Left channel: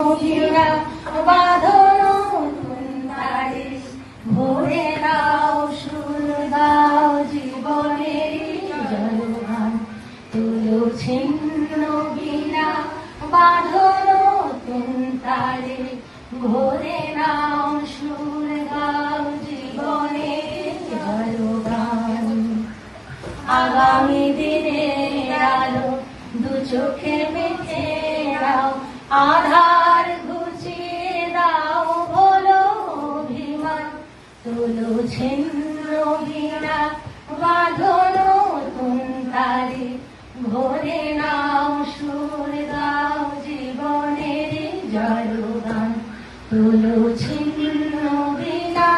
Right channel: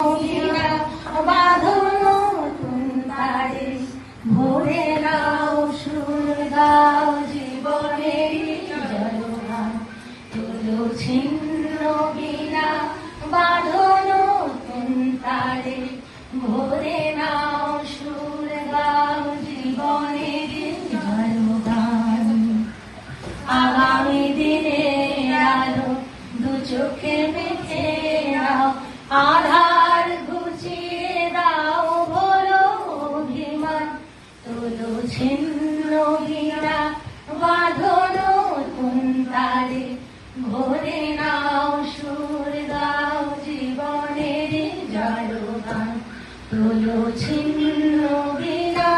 মহিলা বাঁধনো তুন্দারে ভরে নাও সুর দাও জীবনের জলগান তুলো ছিন্ন বিনা বাঁধনো তুন্দারে ভরে নাও সুর দাও জীবনের জলগান আগামী দিনের আলো দু চোখে মেখে নাও আধার ঘুচিয়ে দাও বলো অভিমান তুলো ছিন্ন বিনা বাঁধনো তুন্দারে ভরে নাও সুর দাও জীবনের জলগান তুলো ছিন্ন বিনা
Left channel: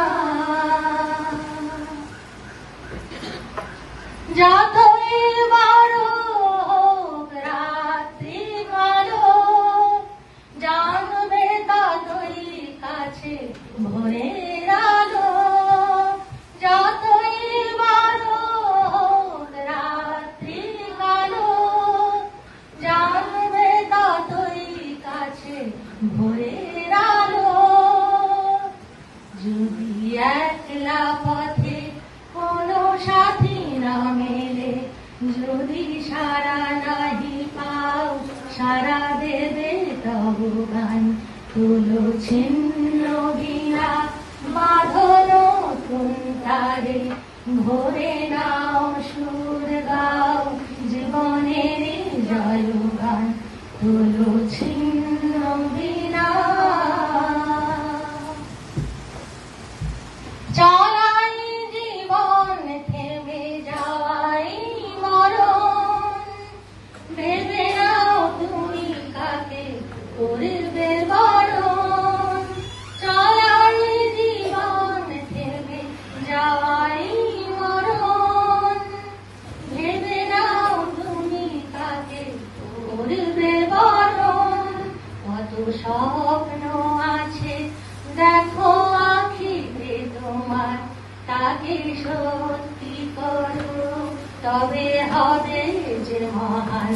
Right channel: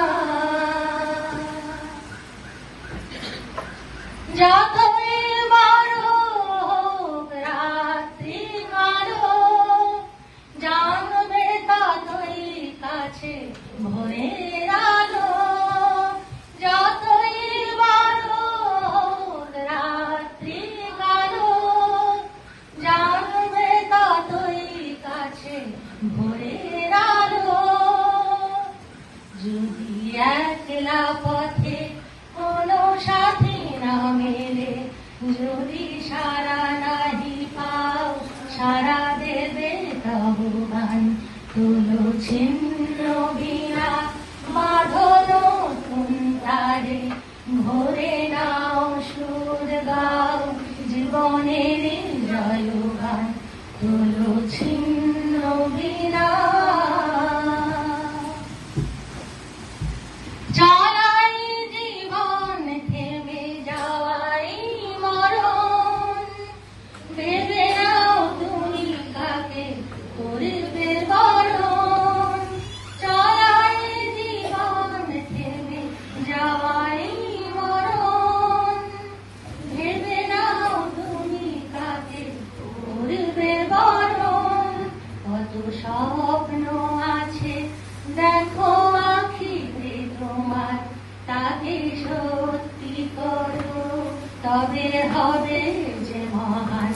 যতই বড় হোক রাত্রি কালো জানবে ততই কাছে ভোরের আলো যতই বড় হোক রাত্রি কালো জানবে ততই কাছে ভোরের আলো যদি একলা পথে কোনো সাথী না মেলে যদি সারা নাহি পাও সারা দেবে তবু গান তুলো ছিন্ন বিনা বাঁধনো তুন্দারে ভরে নাও সুর গাও জীবনের জলগান তুলো ছিন্ন বিনা চলাই জীবন থেমে যাওয়াই মরণ ভেবে নাও তুমি কাকে করবে বরণ চলাই জীবন থেমে যাওয়াই মরণ ভেবে নাও তুমি কাকে করবে বরণ কত স্বপ্ন আছে দেখো আখিতে তোমার তাকে সত্যি করো তবে হবে যে মহান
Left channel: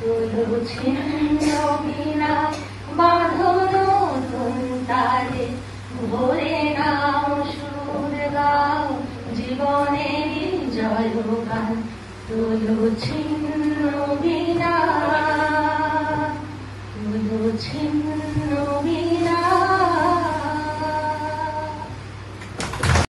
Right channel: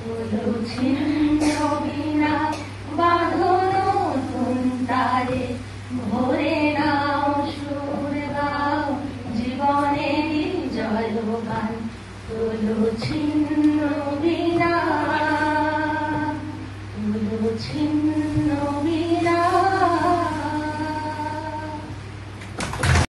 তুলো ছিন্ন বিনা বাঁধনো তুন্দারে ভরে নাও সুর গাও জীবনের জলগান তুলো ছিন্ন বিনা তুলো ছিন্ন বিনা